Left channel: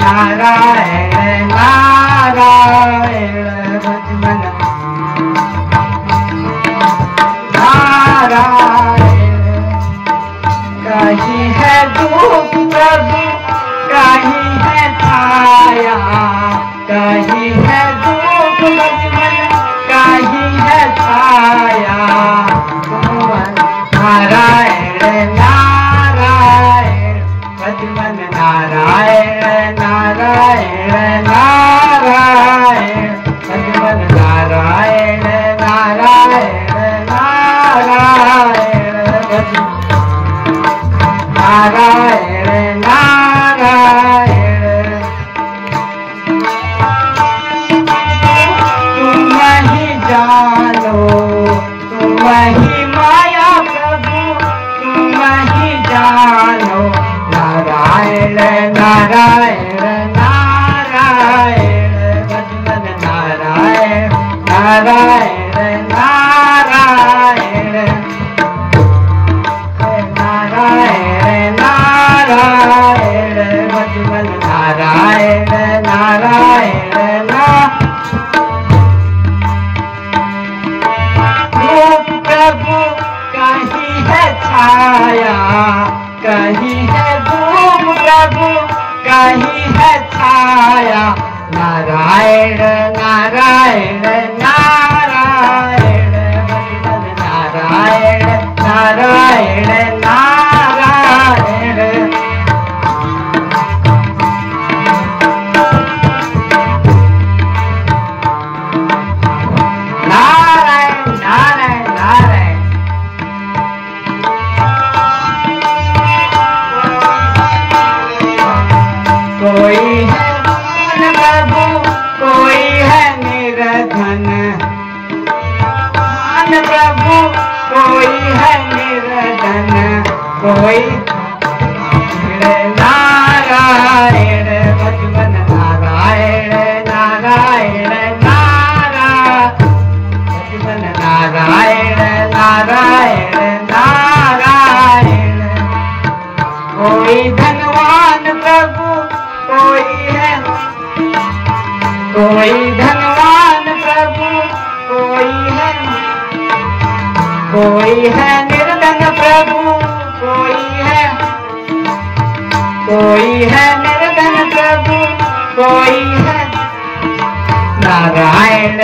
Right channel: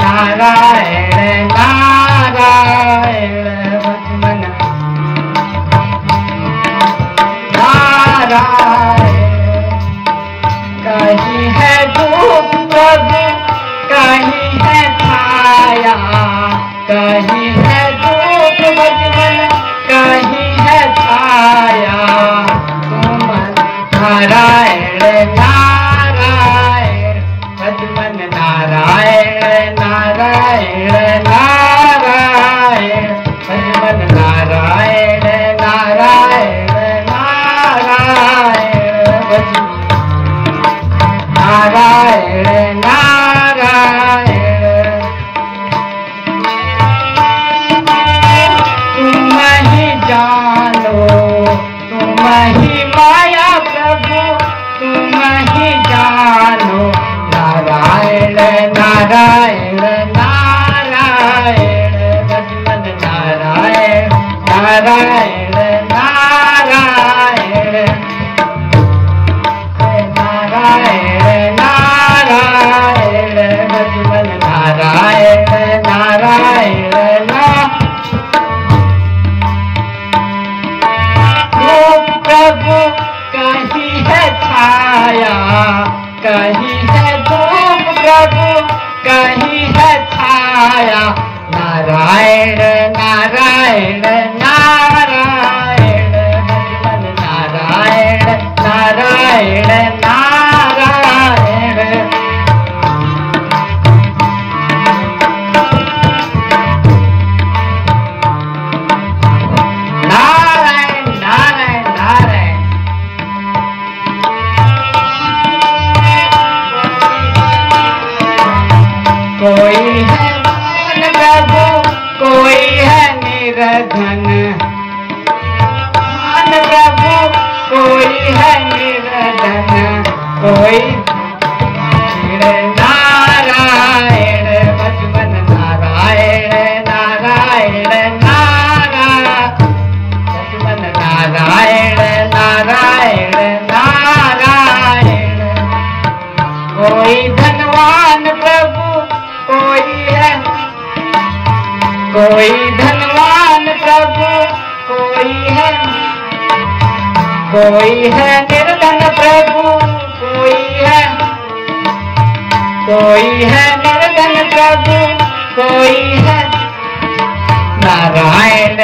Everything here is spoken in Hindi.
नारायण नारायण भजमन नारायण। कहीं है दुख प्रभु कहीं है छाया, कहीं है दुख भजमन कहीं है छाया। नारायण नारायण भजमन नारायण नारायण नारायण भजमन नारायण नारायण नारायण भजमन नारायण नारायण। तुम ही जानो तुम ही माया प्रभु तुम ही जानो। नारायण नारायण नारायण भजमन नारायण नारायण नारायण नारायण नारायण भजमन नारायण नारायण प्रभु कहीं है छाया कहीं है धूप प्रभु कहीं है छाया। नारायण नारायण नारायण भजमन नारायण नारायण नारायण। नारायण नारायण नारायण। कोई है धन प्रभु कोई है निर्धन। धन प्रभु कोई है निर्धन कोई नारायण भजमन नारायण नारायण नारायण भजमन नारायण नारायण नारायण। कोई धनवान प्रभु कोई है कोई धनवान प्रभु कोई है निर्धन प्रभु कोई है निर्धन प्रभु कोई है। नारायण